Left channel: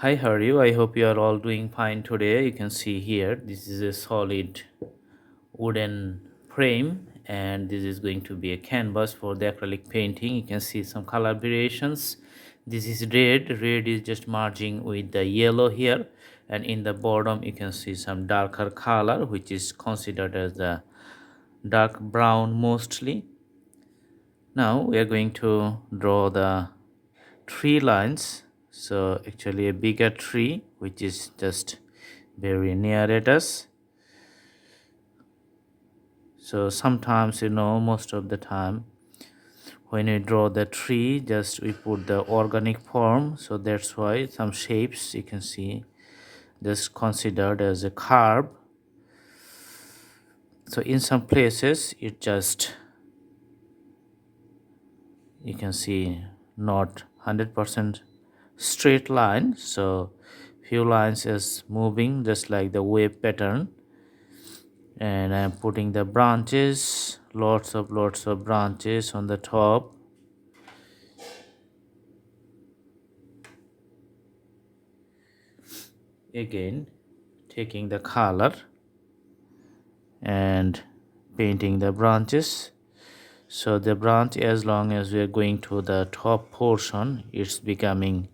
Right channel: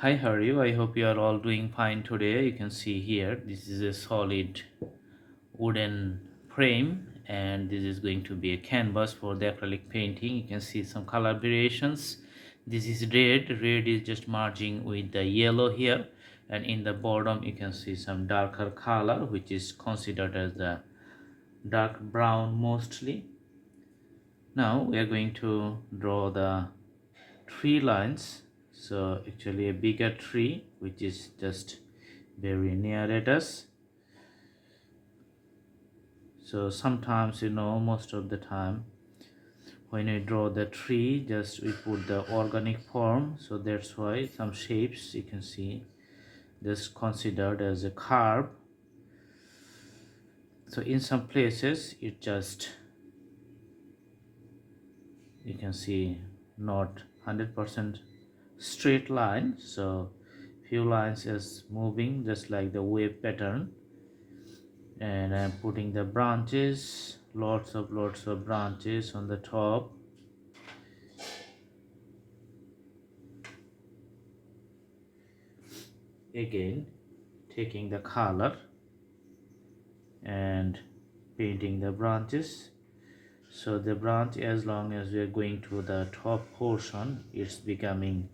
Hi, how are you? I hope you are all doing fine today. You can see here, this is a solid wooden frame, and this is going to be a canvas for the acrylic painting. You can see some color variations. This is red. Red is just merging with the yellow here, and in the bottom you can see some darker color, which is considered as the dark brown mostly. Now we are going to draw the tree lines. So actually a bigger tree which is just very near at us. So sometimes, most of the time when we draw the tree, just we put the organic form, so that's why some shapes you can see just considered as a curve. So in some places it just, you can see, not 100% straight line, so few lines is moving just like the wave pattern. And I'm putting the branches, lots of branches on the top. Again taking the color and painting the branches. So the branch, as long as we are going to the top portion, it's becoming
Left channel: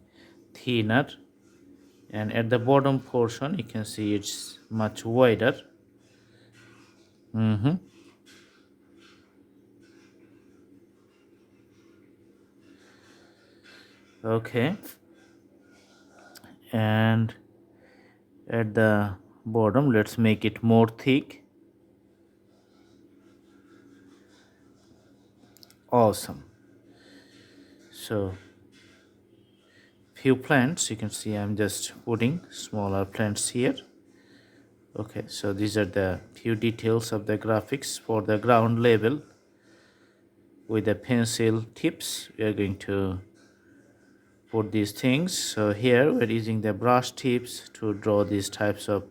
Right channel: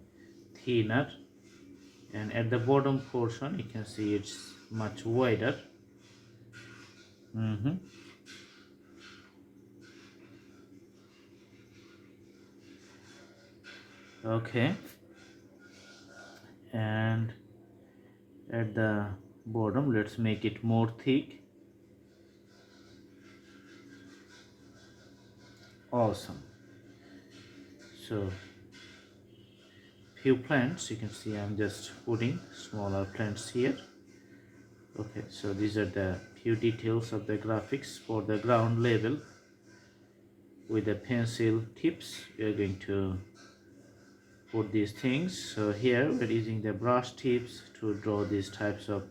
thinner, and at the bottom portion you can see it's much wider. mm okay, and at the bottom let's make it more thick. Awesome. So few plants, you can see I'm just putting smaller plants here. Okay, so these are the few details of the graphics for the ground level. With the pencil tips we are going to put these things. So here we're using the brush tips to draw these types of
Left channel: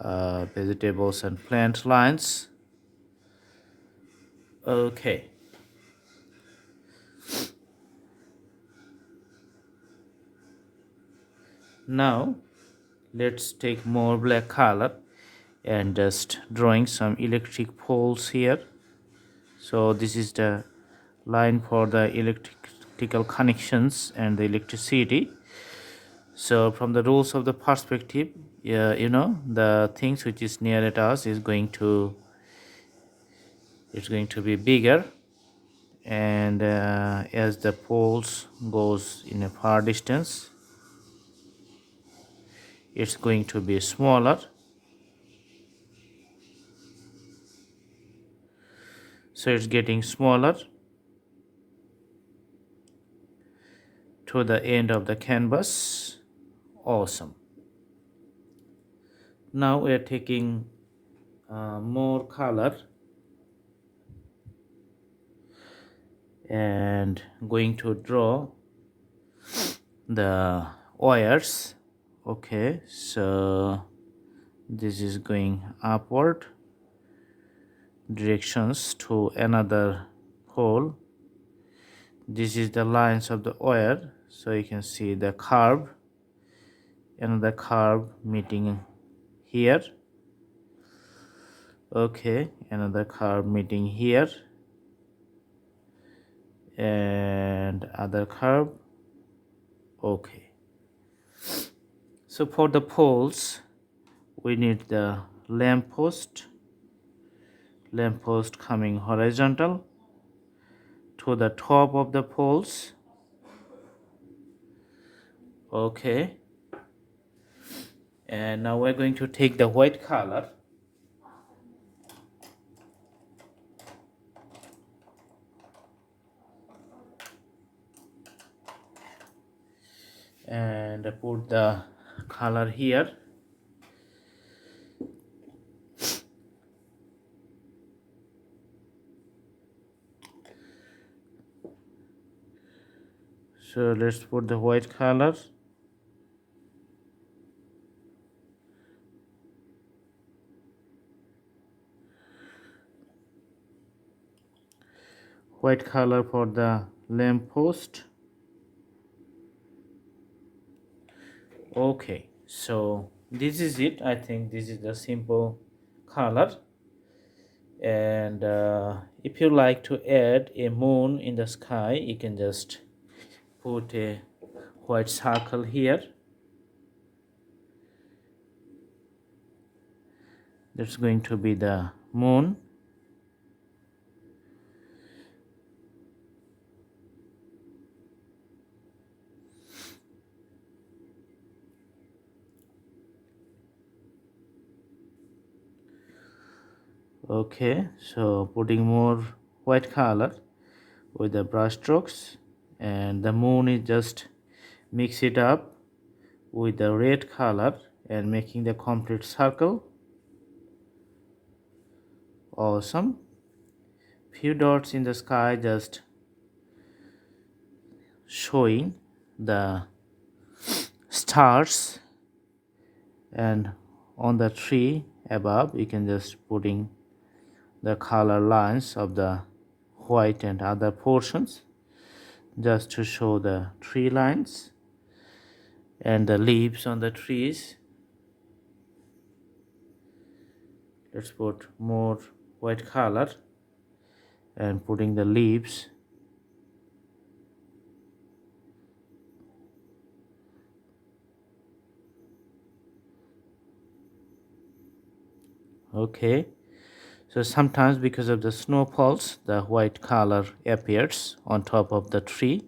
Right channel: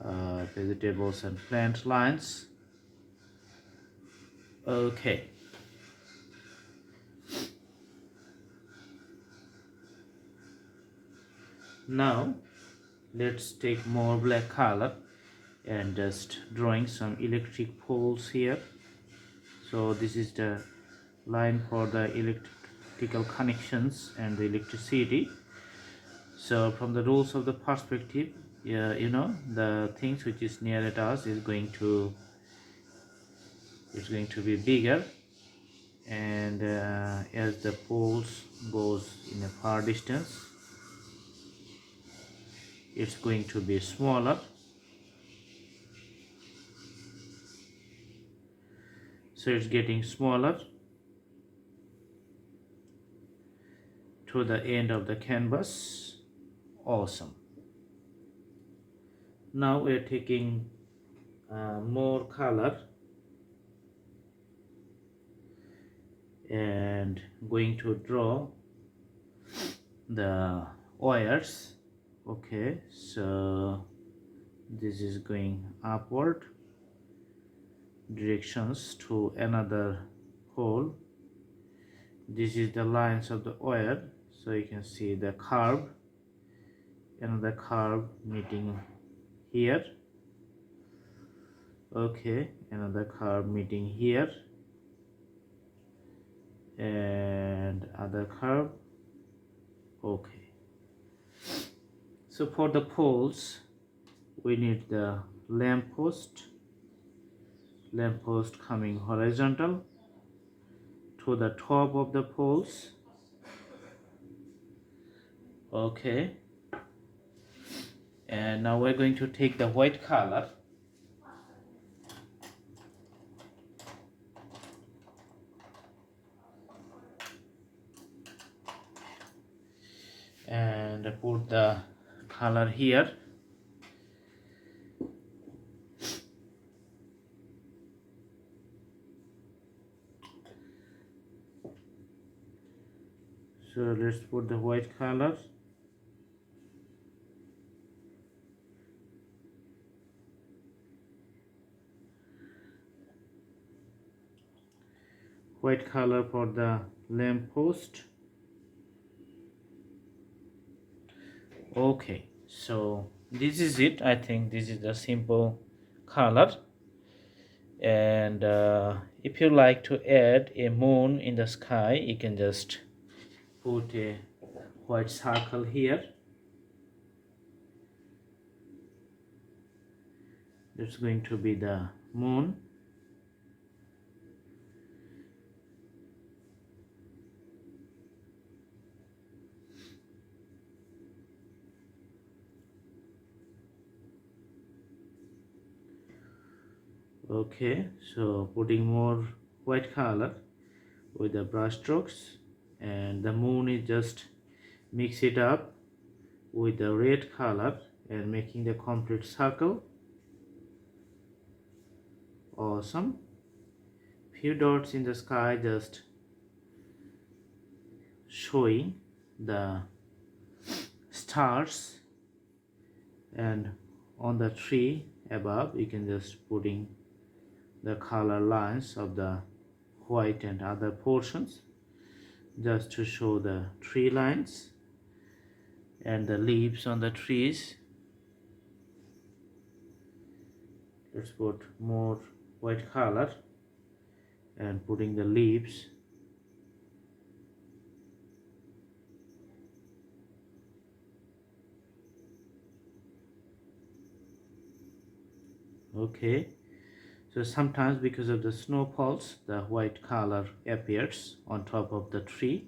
vegetables and plant lines. Okay, now let's take more black color and just drawing some electric poles here. So this is the line for the electrical connections and the electricity. So from the rules of the perspective, the things which is near at us is going to, it's going to be bigger, and as the poles goes in a far distance, it's going to be smaller. So it's getting smaller to the end of the canvas. Awesome. Now we are taking more color and going to draw the wires. Okay, so this is going upward directions to another pole. This is the lines of the wire, so you can see the curve, another curve meeting here. Okay, another curve meeting here, and other curve. Okay, so for the poles we need the lamp post coming horizontal to the top of the poles. Okay, and now we're going to take the white color and put the color here. So let's put the white color. White color for the lamp post. Okay, so this is it. I think this is the simple color. And if you like to add a moon in the sky, you can just put a white circle here. That's going to be the moon. Okay, so putting more white color with the brush strokes, and the moon is just mix it up with the red color and making the complete circle. Awesome. Few dots in the sky just showing the stars, and on the tree above you can just putting the color lines of the white and other portions just to show the tree lines and the leaves on the trees. Let's put more white color and putting the leaves. Okay, so sometimes because of the snowfalls the white color appears on top of the tree.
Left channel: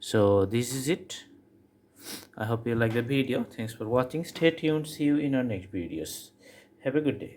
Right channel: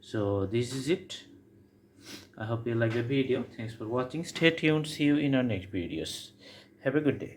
So this is it. I hope you like the video. Thanks for watching. Stay tuned. See you in our next videos. Have a good day.